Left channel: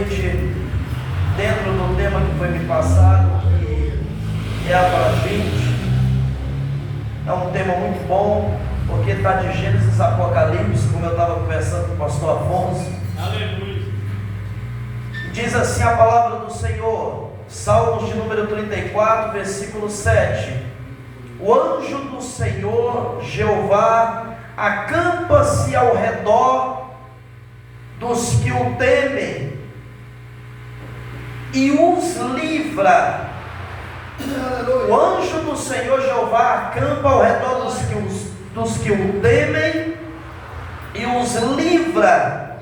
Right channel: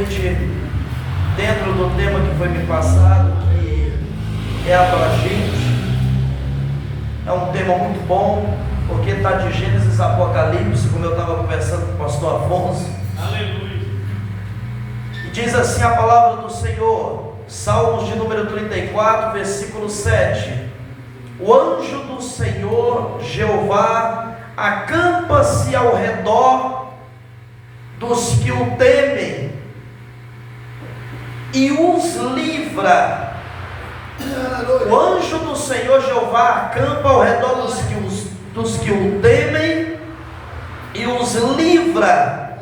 noite, dentro do tema que foi me passado, que é abrangente. É um tema muito bom, porque está de Gênesis a Apocalipse, como eu estava conversando com o pastor Afonso. Aleluia. E diz assim a palavra do Senhor, Salmos de número 34, versículo 7. O anjo do Senhor, Jeová, acampa-se ao redor dos que o temem e os livra. O anjo do Senhor Jeová acampa ao redor dos que o temem e os livra.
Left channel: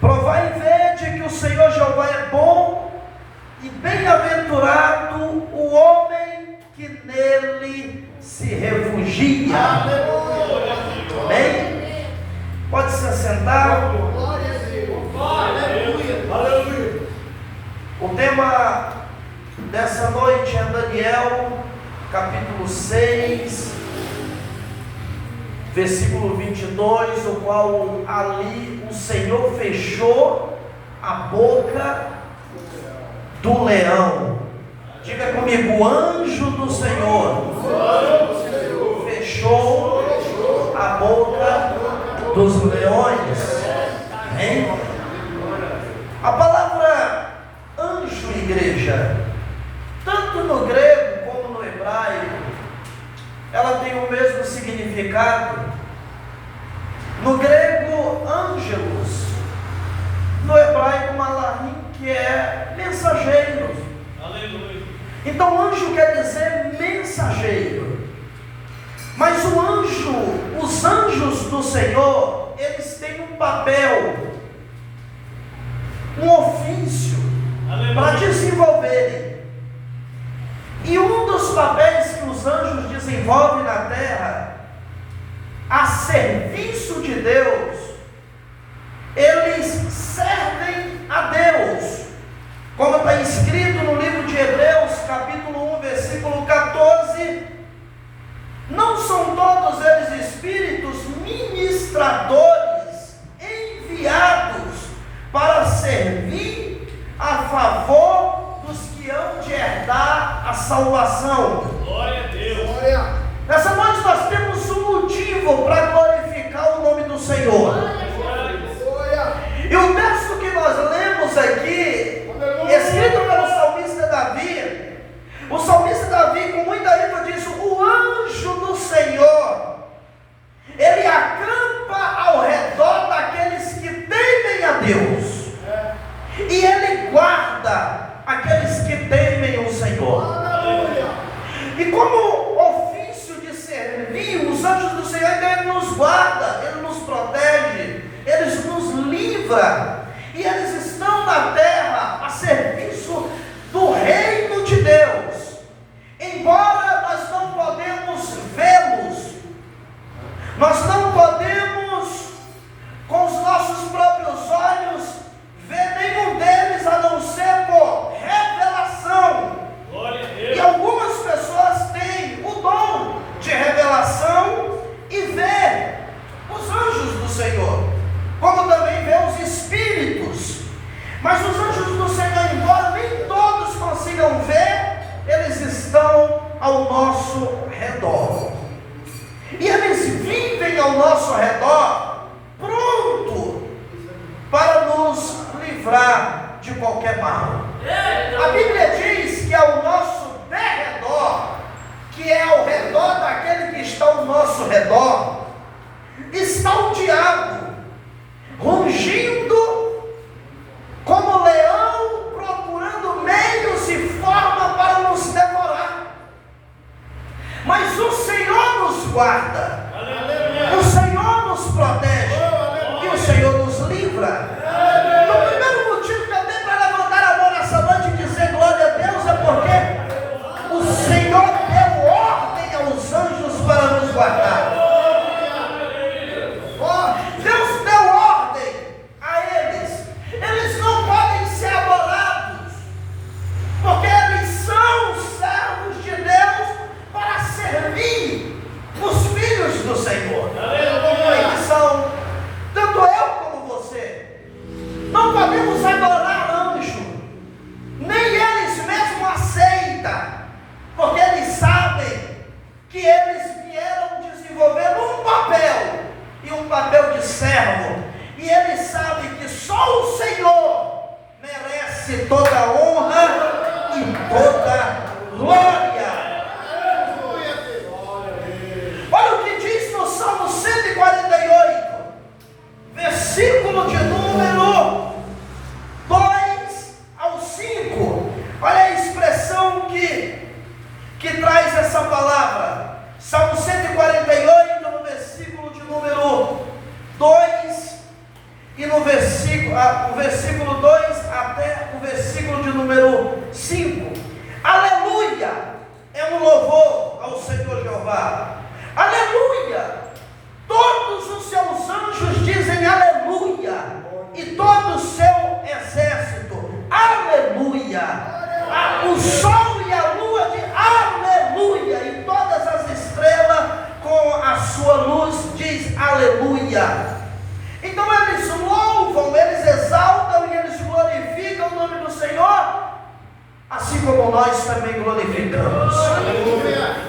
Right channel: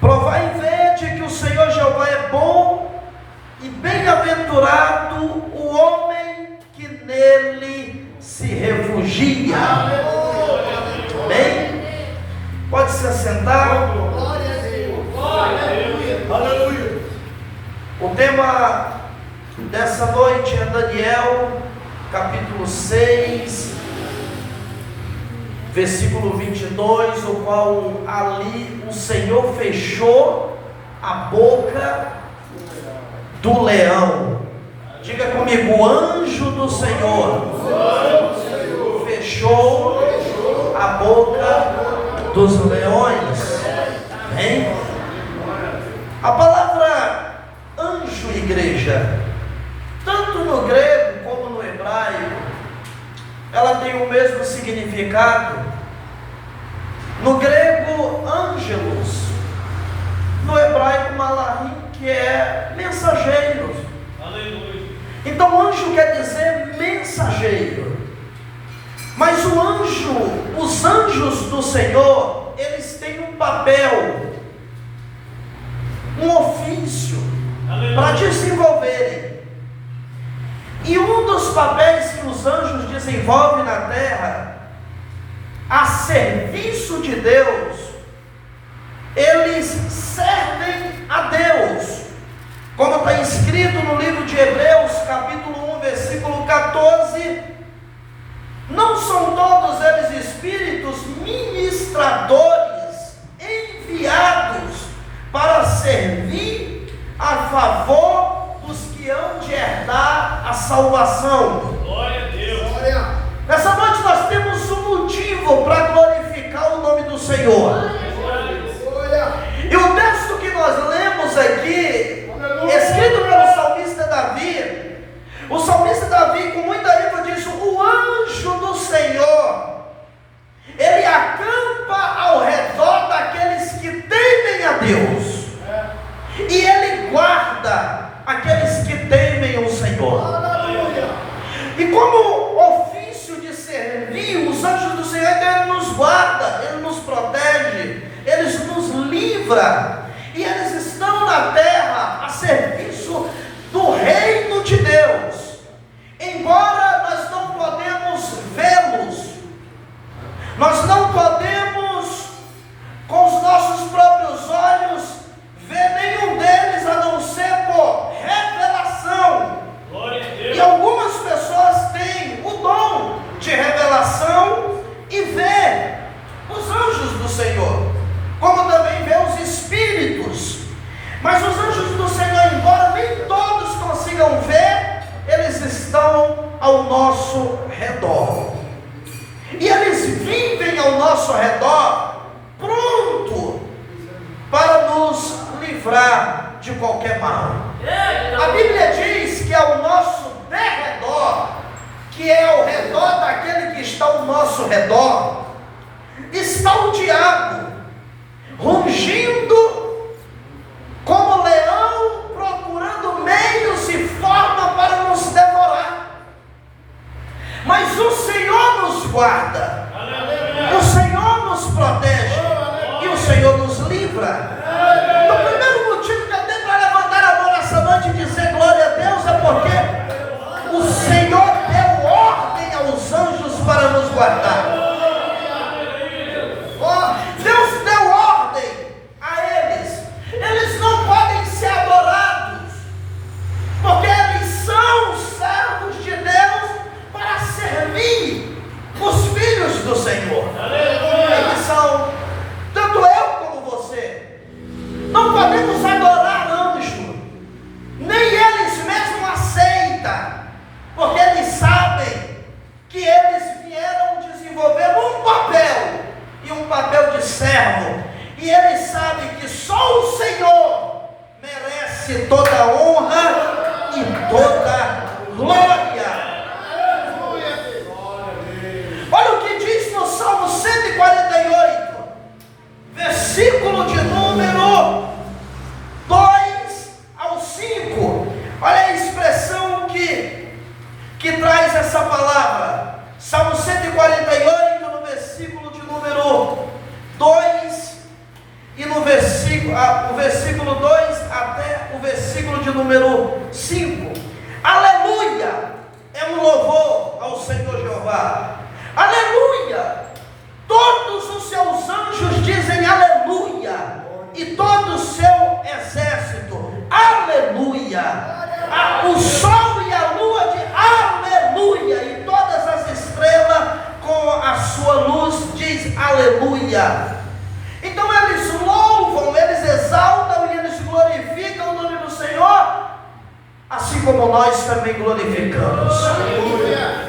Provai e vede que o Senhor Jeová é bom, e bem-aventurado o homem que nele se refugia. Amém? Pode se assentar. Aleluia. O tema dessa noite é Daniel, capítulo 6, versículo 22, o qual ali o Senhor fechou a boca do leão. Diga comigo, o anjo do Senhor fechou a boca dos leões. Amém? A palavra anjo, igreja, tanto no grego como no hebraico, ela tem o mesmo significado. No grego, ângelos, no hebraico, malachim, que é mensageiro. Aleluia. Então, anjo quer dizer mensageiro. Mas os anjos do Senhor, eles têm um papel, um ofício para desenvolverem. E um dos papéis que os anjos desenvolvem na terra, a serviço de Deus, eles servem a Deus, como está escrito no livro de Hebreus, capítulo 1, versículo 14: não são todos eles espíritos ministradores, enviados para servir a favor dos que hão de herdar a salvação. Glória a Deus. Nessa noite nós temos um motivo para glorificar o nome do Senhor. E o texto que nós lemos aqui, escrito pelo salmista Davi, o salmista Davi, com muita ênfase, diz: o anjo do Senhor, ele acampa ao redor daqueles que temem a Deus, e ele guarda aqueles que temem o Senhor. E como ofício de servir, os anjos do Senhor, ele nos guarda, ele nos protege, eles nos livra, e eles estão na terra a serviço do reino de Deus. Embora nós não podemos vê-los, nós não podemos com os nossos próprios olhos ver nenhum deles, a não ser por revelação. Glória a Deus. E algumas pessoas têm o dom de revelação e vê os anjos do Senhor, como também vê os espíritos. Mas os anjos do Senhor, embora nem todos consigam ver, eles estão ao nosso redor. E eles vivem ao nosso redor, pronto para nos livrar de qualquer mal. A Bíblia diz que ao nosso derredor, que é ao redor daquele que está ao nosso redor, está o diabo, rugindo como leão, procurando meios e forma para nos devorar. Mas o Senhor nos guarda, o Senhor nos protege e o Senhor nos livra. O primeiro motivo que eu tenho para levantar a mão nessa noite e dizer glória a Deus é porque o Senhor deu ordem aos anjos para nos guardar. Deus deu ordem a eles merece toda honra e toda glória. Olha o que diz no Salmo 148, versículo de número 2 ao 5. Olha a expressão que traz essa palavra. Salmo 148, no versículo de número 2 e no versículo 2 até o versículo de número 5. Aleluia! É um louvor ao Senhor Jeová. Aleluia! Todos os seus anjos dizem aleluia, e todo o seu exército, aleluia. O sol e a lua de aleluia, e todas as estrelas com a sua luz diz aleluia. Então eles louvam, eles exaltam e eles glorificam o nome do Senhor, assim como nós também glorificamos.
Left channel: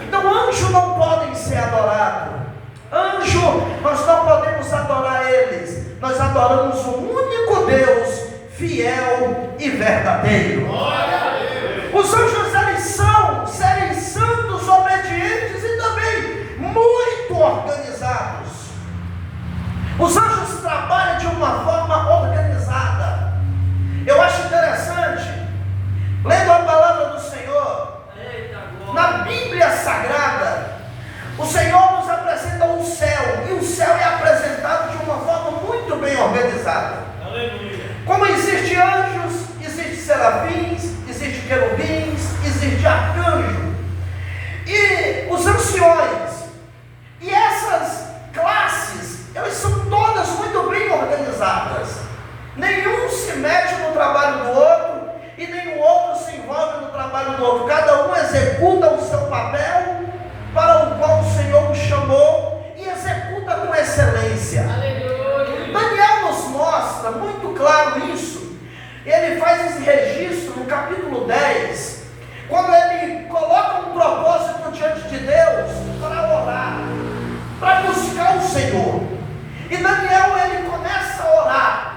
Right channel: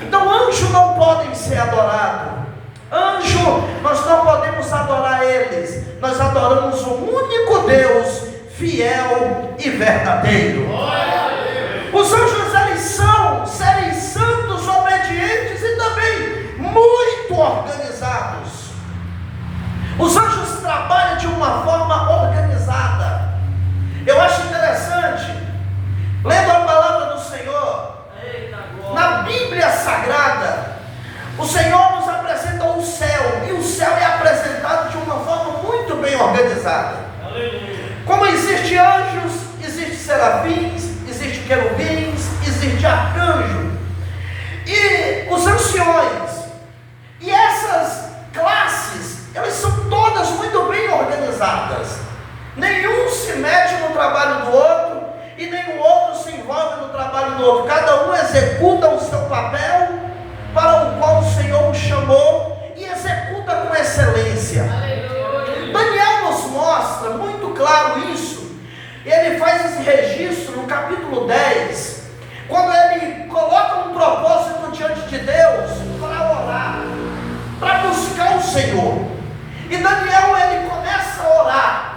Então anjos não podem ser adorados. Anjo, nós não podemos adorar eles. Nós adoramos o único Deus, fiel e verdadeiro. Os anjos, eles são seres santos, obedientes e também muito organizados. Os anjos trabalham de uma forma organizada. Eu acho interessante, lendo a palavra do Senhor, na Bíblia Sagrada, o Senhor nos apresenta o céu, e o céu é apresentado de uma forma muito bem organizada. Aleluia. Como existe anjos, existe serafins, existe querubins, existe arcanjo, e os anciões, e essas classes, elas são todas muito bem organizadas. Nenhum se mete no trabalho do outro, e nenhum outro se envolve no trabalho do outro. Cada um executa o seu papel para o qual o Senhor o chamou, e executa com excelência. Aleluia. Daniel nos mostra muito claro isso. Ele faz esse registro no capítulo 10, quando ele coloca um propósito diante de Deus para orar, para buscar o Senhor. E Daniel, ele começa a orar,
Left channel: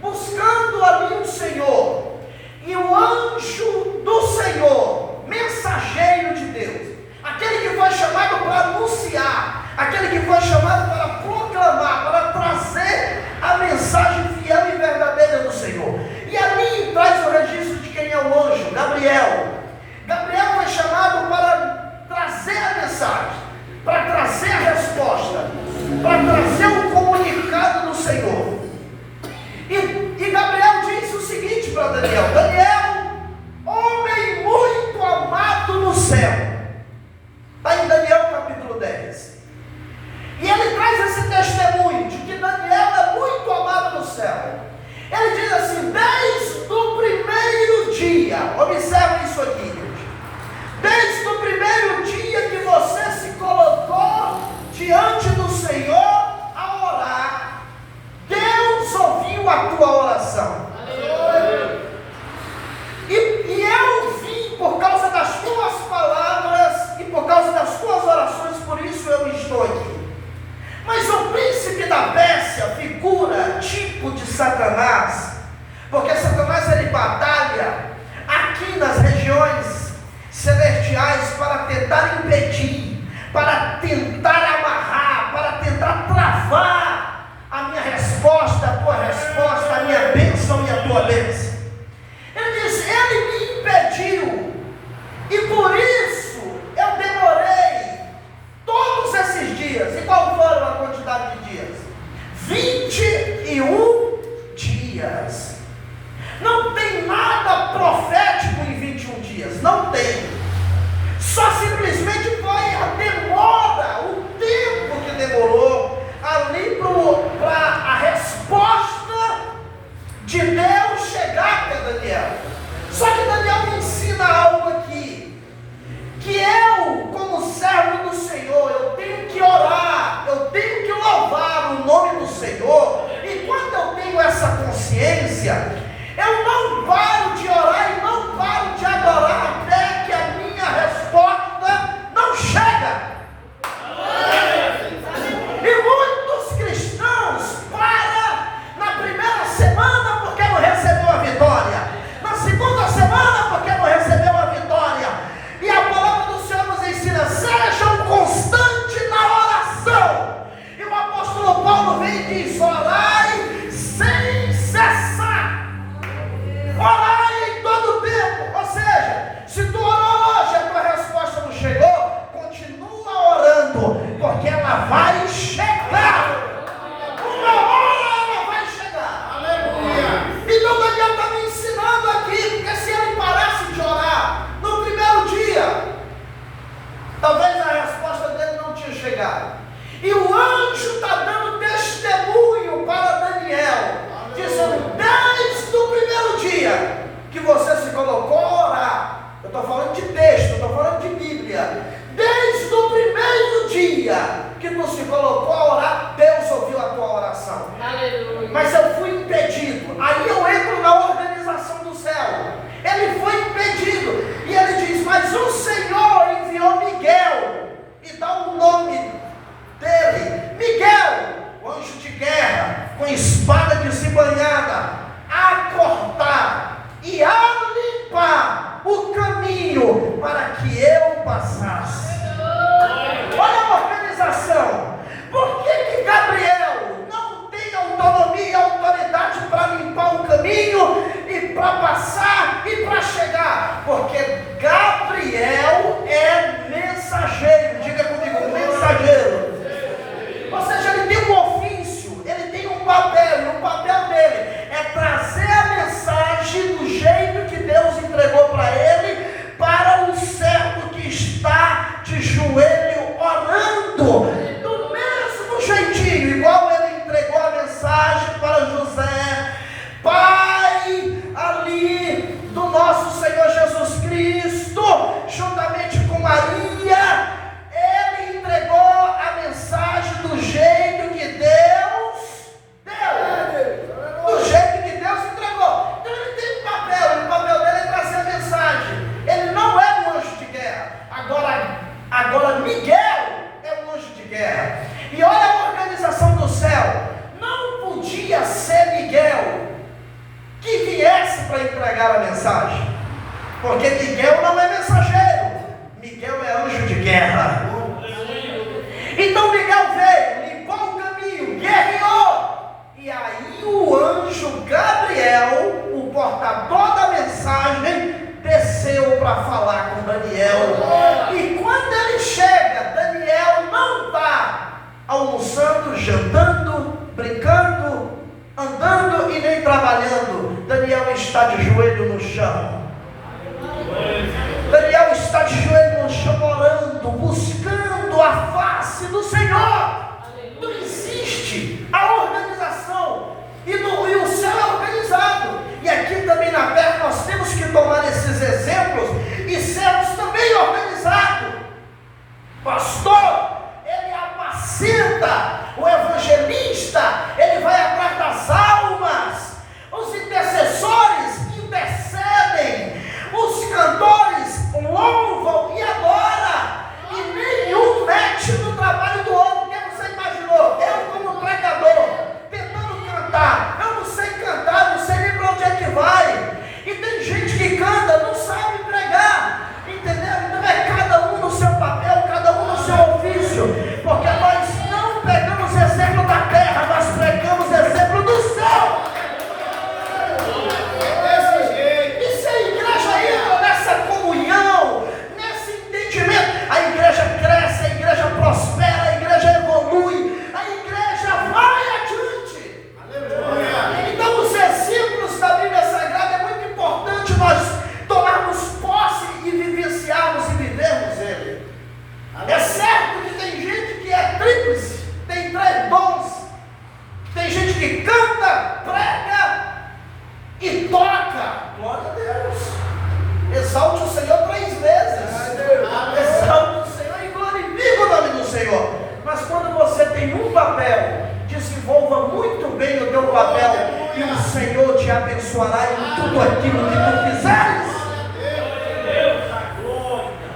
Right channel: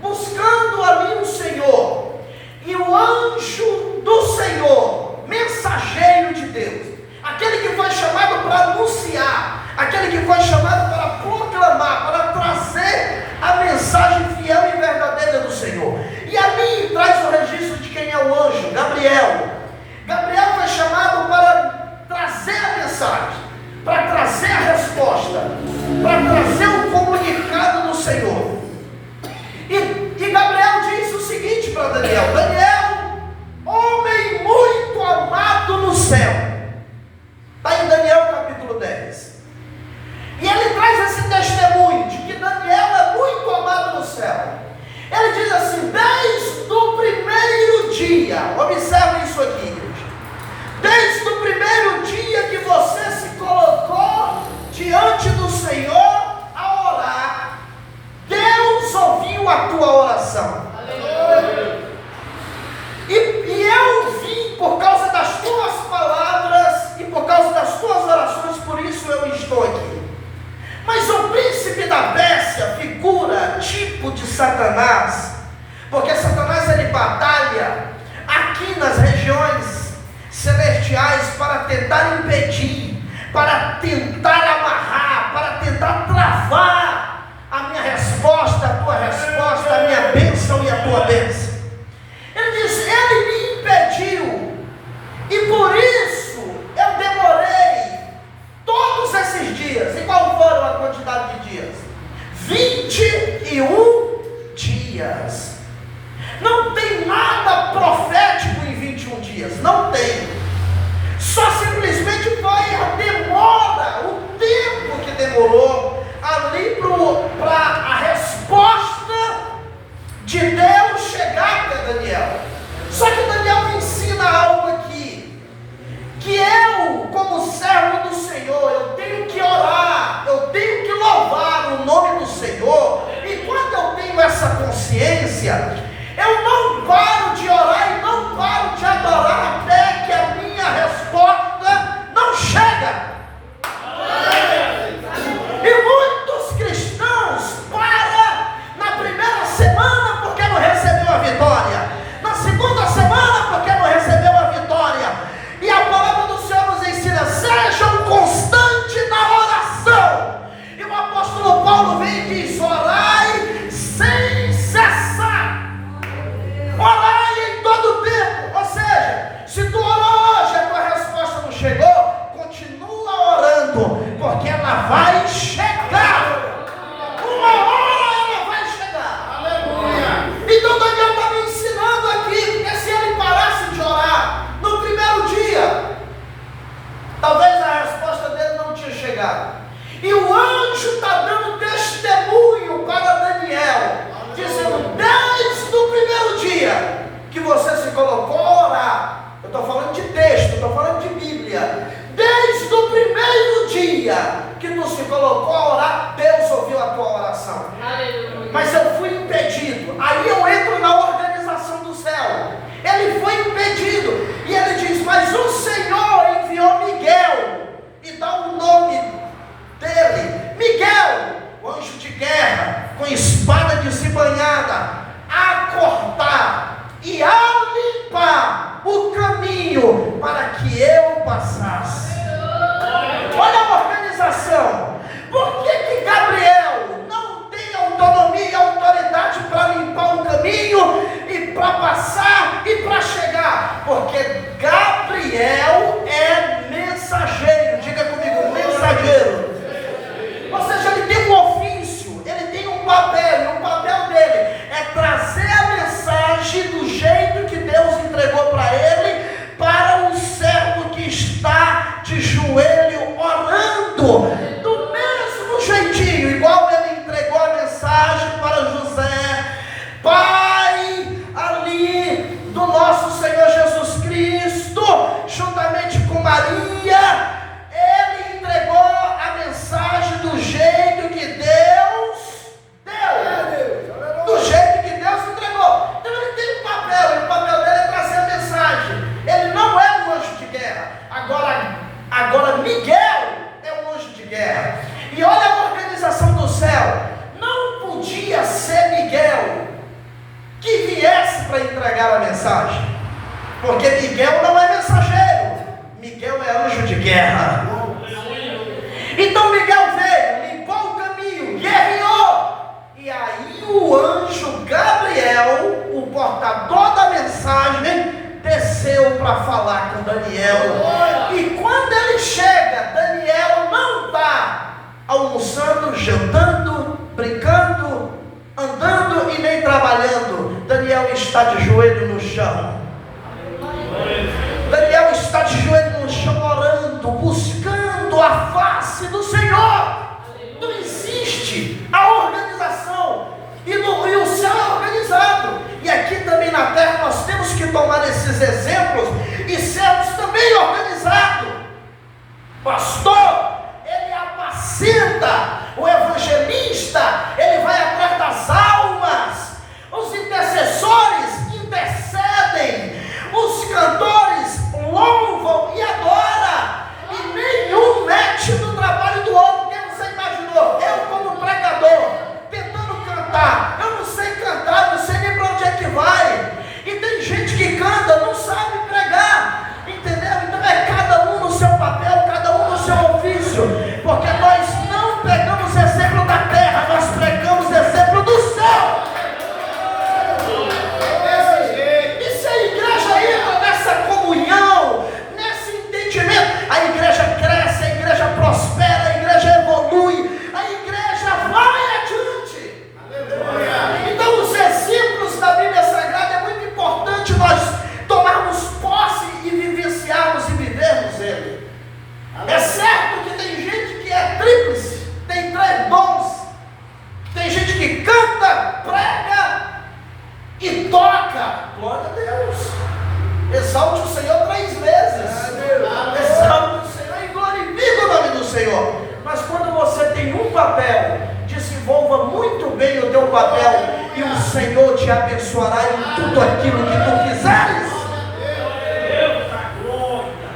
buscando ali o Senhor, e o anjo do Senhor, mensageiro de Deus, aquele que foi chamado para anunciar, aquele que foi chamado para proclamar, para trazer a mensagem fiel e verdadeira do Senhor. E ali traz o registro de quem é o anjo, Gabriel. Gabriel foi chamado para trazer a mensagem, para trazer a resposta, para trazer o comunicado do Senhor. E Gabriel diz o seguinte para Daniel: Daniel, homem muito amado no céu. Está em Daniel capítulo 10. E ele traz esse testemunho de que Daniel é muito amado no céu. Ele diz assim: desde o primeiro dia, observe isso aqui, gente. Desde o primeiro dia que você se colocou diante do Senhor a orar, Deus ouviu a tua oração. Aleluia. E eu vim por causa das tuas palavras e por causa das tuas orações, por isso eu estou aqui. Mas o príncipe da Pérsia, figura, tipo de Satanás, porque Satanás ele batalha aqui nas regiões celestiais para tentar impedir, para tentar amarrar, para tentar travar a minha resposta, a tua resposta, a minha bênção e a tua bênção. Ele diz: ele me impediu, e por isso eu demorei todos esses dias. E qual foram a quantidade de dias? 21 dias. Não tem nada profético em 21 dias, não tem. Só simplesmente foi a demora, o tempo que demorou ali para a resposta de Deus chegar até Daniel. Só que Daniel me ensina algo aqui, que eu, como servo do Senhor, eu tenho que orar, eu tenho que louvar o nome do Senhor. E quando eu tenho essa consciência, eu não paro de orar e não paro de adorar até que a minha resposta não chega. E muitos cristãos param na primeira semana porque não recebeu a vitória, na para passar e para chegar, porque Gabriel é mensageiro. Diga comigo, mensageiro. Ou seja, ele tem um ofício, ele tem um papel, e o papel dele é trazer a mensagem do jeito que Deus entregou para ele, para o servo que está de joelho orando, do mesmo jeitinho, igual ele entregou a mensagem para José, pai ali do nosso Senhor Jesus Cristo, juntamente com Maria. Ele entregou a mensagem do jeito que Deus deu, do jeito que Deus entregou. Então ele tem um papel, e o papel dele é trazer a mensagem. Ele não é um anjo de guerra. Agora Miguel é um anjo de guerra. E olha a organização do céu. Não podia ser Miguel que viesse para entregar a mensagem, porque Miguel não é mensageiro, Miguel é anjo de guerra. Então Miguel veio, limpou o caminho, guerreou, e aí o anjo Gabriel, o portador da mensagem, desceu para falar com Daniel. E quando ele chega, Daniel não está almoçando, jantando, brincando, andando e nem trabalhando. Daniel está de joelho no chão. Daniel está de joelho no chão orando, buscando a face do Senhor. Não existe a organização. E o céu é organizado. E aqui também na terra nós temos que tomar esses exemplos e sermos também organizados. Pastor, ele apacenta. O evangelista, ele vai atrás das almas. Os intercessores intercedem. Os cantores louvam e adoram. E nenhum mete no trabalho do outro. Quem você imaginou? Eu como pregador, tentando cantar. Eu não sei cantar, não sei nem para onde é que vai. E tem gente que canta, não sabe pregar. Entendeu? Então é cada um no seu papel, cada um no seu ofício. Porque nós não pegamos exemplo da terra, nós pregamos exemplo do céu. E se a igreja entra nessa comunhão, nesse entendimento, a igreja cresce, a igreja prospera, a igreja evolui, a igreja vai adiante. Então os exemplos da Bíblia Sagrada é muito importante nós tomarmos posse e vivenciarmos e vivermos ele. É certo que tem gente que é tríplice, tem 3 dons, tem gente que canta, prega e toca. Glória a Deus. Exalte o Senhor 3 vezes. Exalte o Senhor e glorifique o nome do Senhor. Mas quando você tem um papel, desenvolva muito bem o teu papel e o Senhor te abençoará em tudo aquilo que tu fizeres.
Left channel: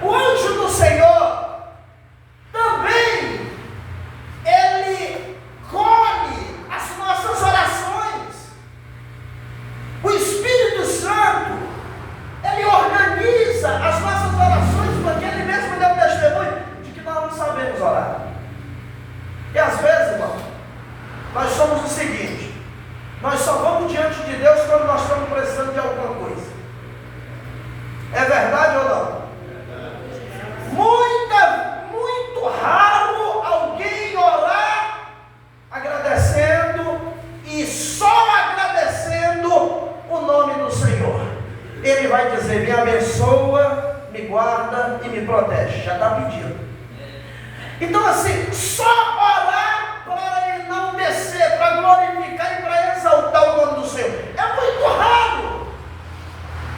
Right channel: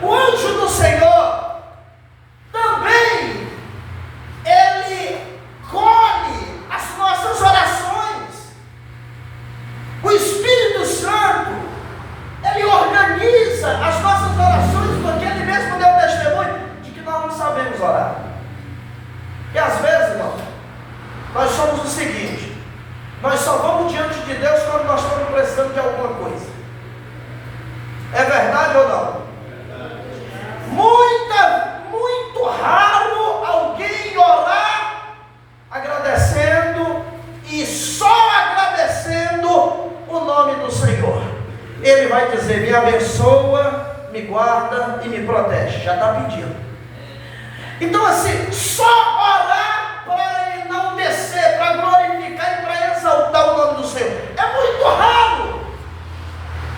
O anjo do Senhor também, ele colhe as nossas orações. O Espírito Santo, ele organiza as nossas orações, porque ele mesmo deu testemunho de que nós não sabemos orar. E às vezes, irmão, nós somos o seguinte: nós só vamos diante de Deus quando nós estamos precisando de alguma coisa. É verdade ou não? Muito raro alguém orar agradecendo e só agradecendo o nome do Senhor. Ele vai dizer: me abençoa, me guarda e me protege. Já está pedindo. Então assim, só orar para ele não descer, para glorificar e para exaltar o nome do Senhor é muito raro.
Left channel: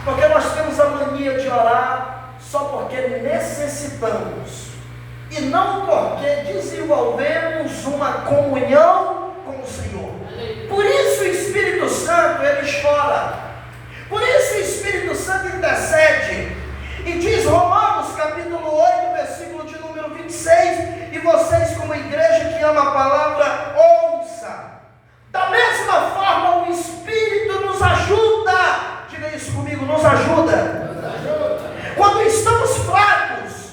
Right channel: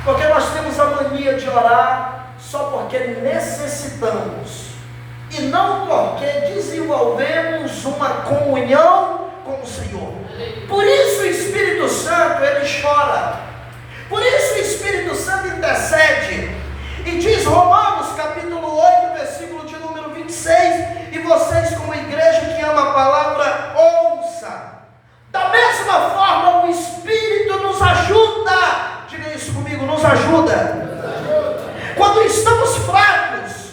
Porque nós temos a mania de orar só porque necessitamos e não porque desenvolvemos uma comunhão com o Senhor. Por isso o Espírito Santo, ele chora. Por isso o Espírito Santo intercede. E diz Romanos capítulo 8, versículo de número 26, e vocês como igreja que ama a palavra, ouça. Da mesma forma o Espírito nos ajuda. Diga isso comigo, nos ajuda. Quando estamos fracos,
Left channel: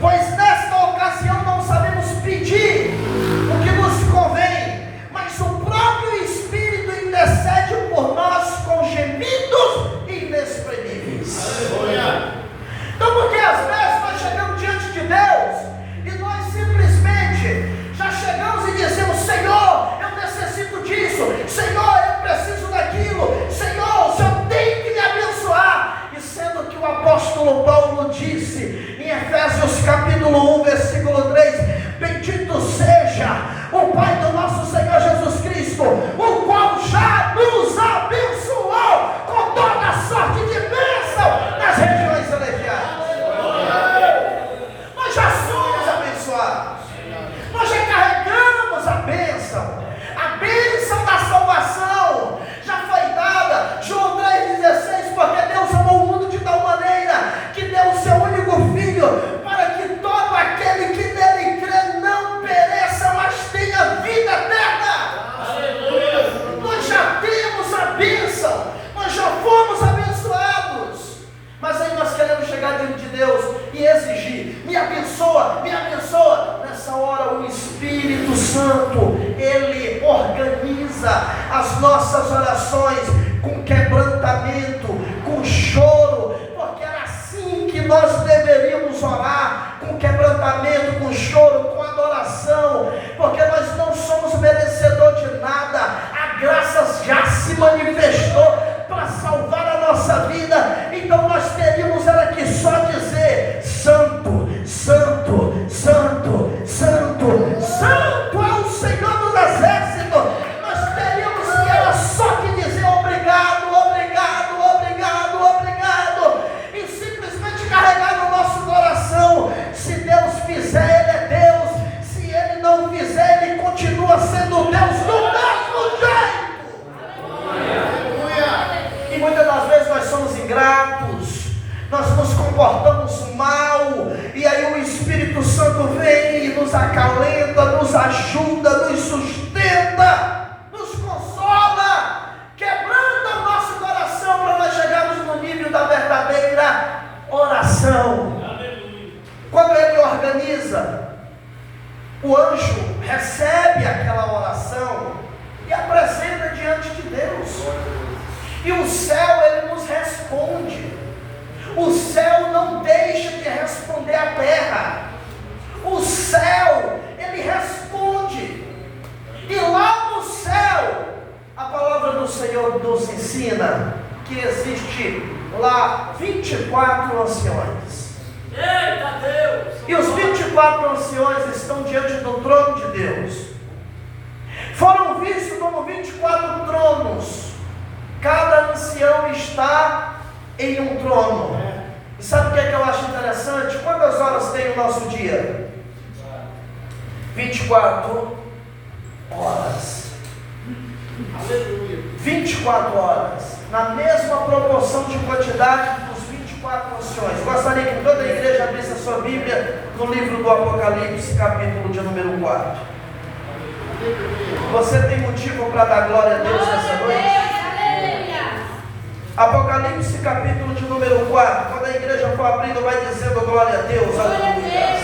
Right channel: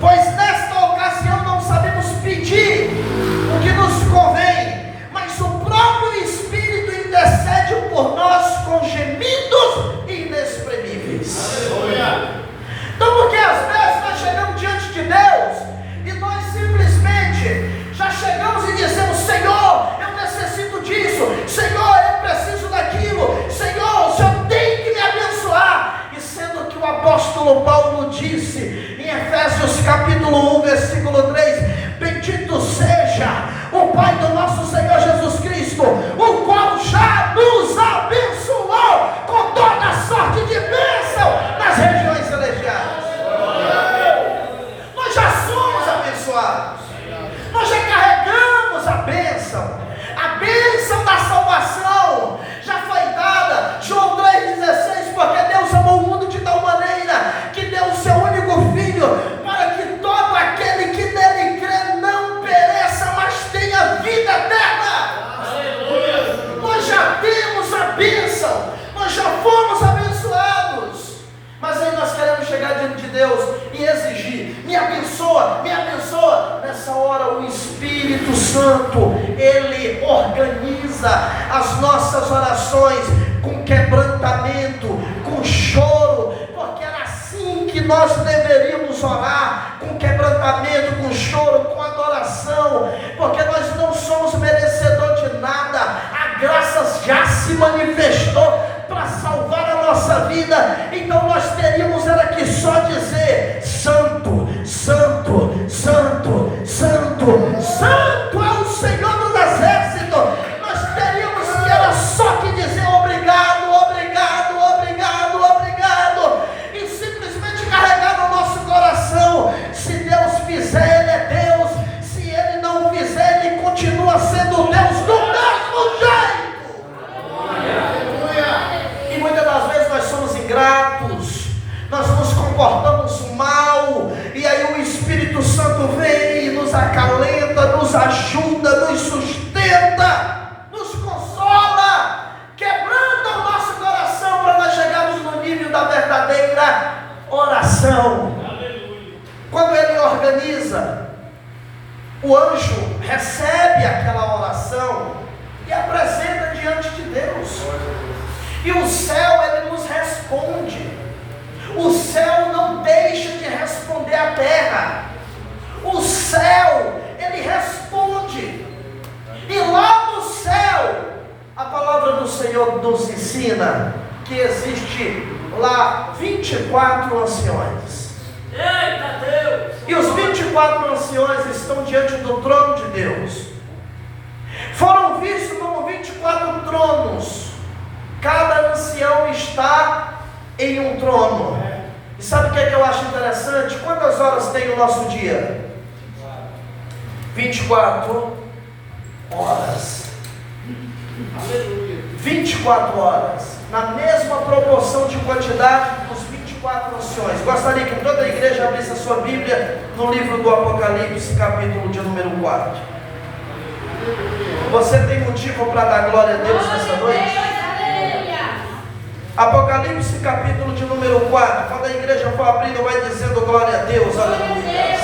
pois nesta ocasião não sabemos pedir o que nos convém, mas o próprio Espírito intercede por nós com gemidos capítulo 1, versículo 3: bendito seja o Pai do nosso Senhor Jesus Cristo, o qual já nos abençoou com toda sorte de bênção nas regiões celestiais. Nós já somos abençoados, nós já carregamos a bênção da salvação já foi dada. João 3,16: porque Deus amou o mundo de tal maneira que deu o seu único filho, para que todo aquele que nele crê não pereça, mas tenha vida eterna. Aleluia. Nós já temos a bênção, nós já fomos abençoados, mas aí nós queremos chegar diante de Deus e exigir: me abençoa, me abençoa. Nessa hora o Espírito Santo, ele organiza as nossas orações com quebrantamento, com choro, porque era assim que nós deveríamos orar, com quebrantamento, com choro, com adoração, porque nós não somos merecedores de nada. A graça já se manifestou para salvar a nossa vida, então nós teríamos era que só dizer: santo, santo, santo, santo, santo é o Senhor dos exércitos. Nós teríamos que era só que dizer obrigado, obrigado, obrigado, obrigado, e simplesmente carregar no nosso coração: se Deus fizer, Ele é Deus; se Ele não fizer, Ele continua sendo Deus do mesmo jeito. E muitas das vezes nós somos ingratos, nós nos comportamos mal, e aí o Espírito Santo vem e nos acalenta, nos ajuda, nos sustenta, nos consola, quebranta o nosso coração para nós chegarmos no nível da verdadeira oração. Quando ele organiza, o anjo recebe aquela oração e apresenta diante de Deus, e o céu ele nos responde. O céu não deixa de responder à terra, o céu ele responde, e lá no céu a palavra do Senhor nos ensina que existe lá 24 anciões. Eita Deus! E os 24 anciões estão diante do trono de Deus. Foram vistos como 24 tronos. Cada ancião está em um trono. E sabe o que é que eu acho interessante? Quantas horas tem o nosso dia? 24 horas. Aleluia. 24 horas. Na mesma proporção de quantidade dos 24 anciões. Gostaria que toda a igreja abrisse a sua Bíblia no livro do Apocalipse, capítulo de número 4. Você tem motivo para dar glória a Deus nessa noite? Apocalipse, capítulo de número 4. Quando a igreja for abrindo, vai dizendo glória a Deus. Aleluia.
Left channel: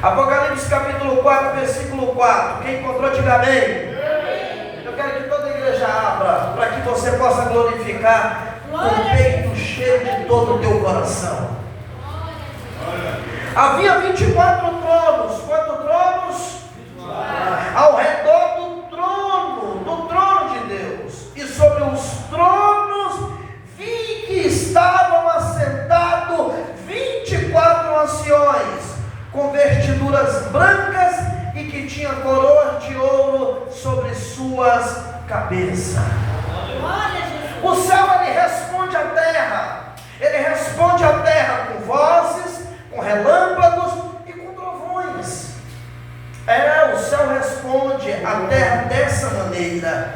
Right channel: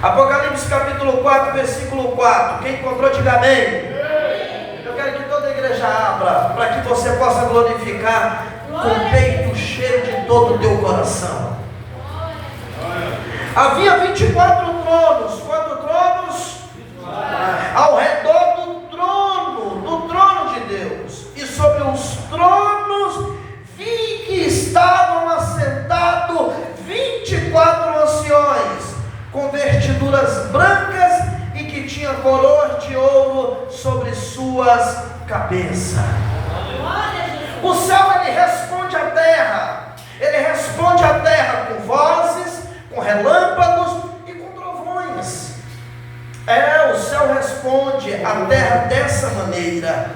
Apocalipse, capítulo 4, versículo 4. Quem encontrou, diga amém. Eu quero que toda a igreja abra, para que você possa glorificar com o peito cheio de todo o teu coração. Havia 24 tronos. Quantos tronos? Ao redor do trono de Deus. E sobre os tronos vi que estavam assentados 24 anciões, com vestiduras brancas e que tinham coroas de ouro sobre suas cabeças. O céu ele responde à terra. Ele responde à terra com vozes, com relâmpagos e com trovões. O céu responde à terra dessa maneira.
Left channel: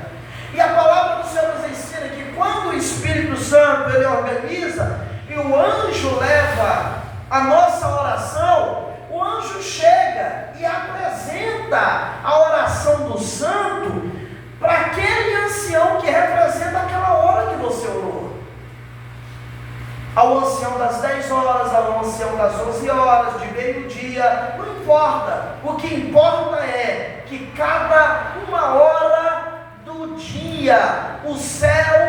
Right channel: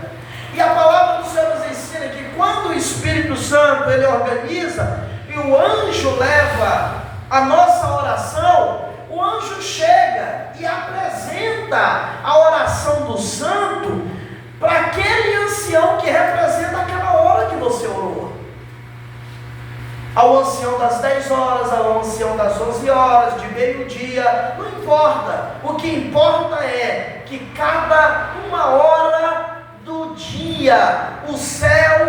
E a palavra do Senhor nos ensina que quando o Espírito Santo ele organiza e o anjo leva a nossa oração, o anjo chega e apresenta a oração do santo para aquele ancião que representa aquela hora que você orou. Ao ancião das 10 horas, ao ancião das 11 horas, de meio-dia, não importa. O que importa é que cada uma hora do dia o céu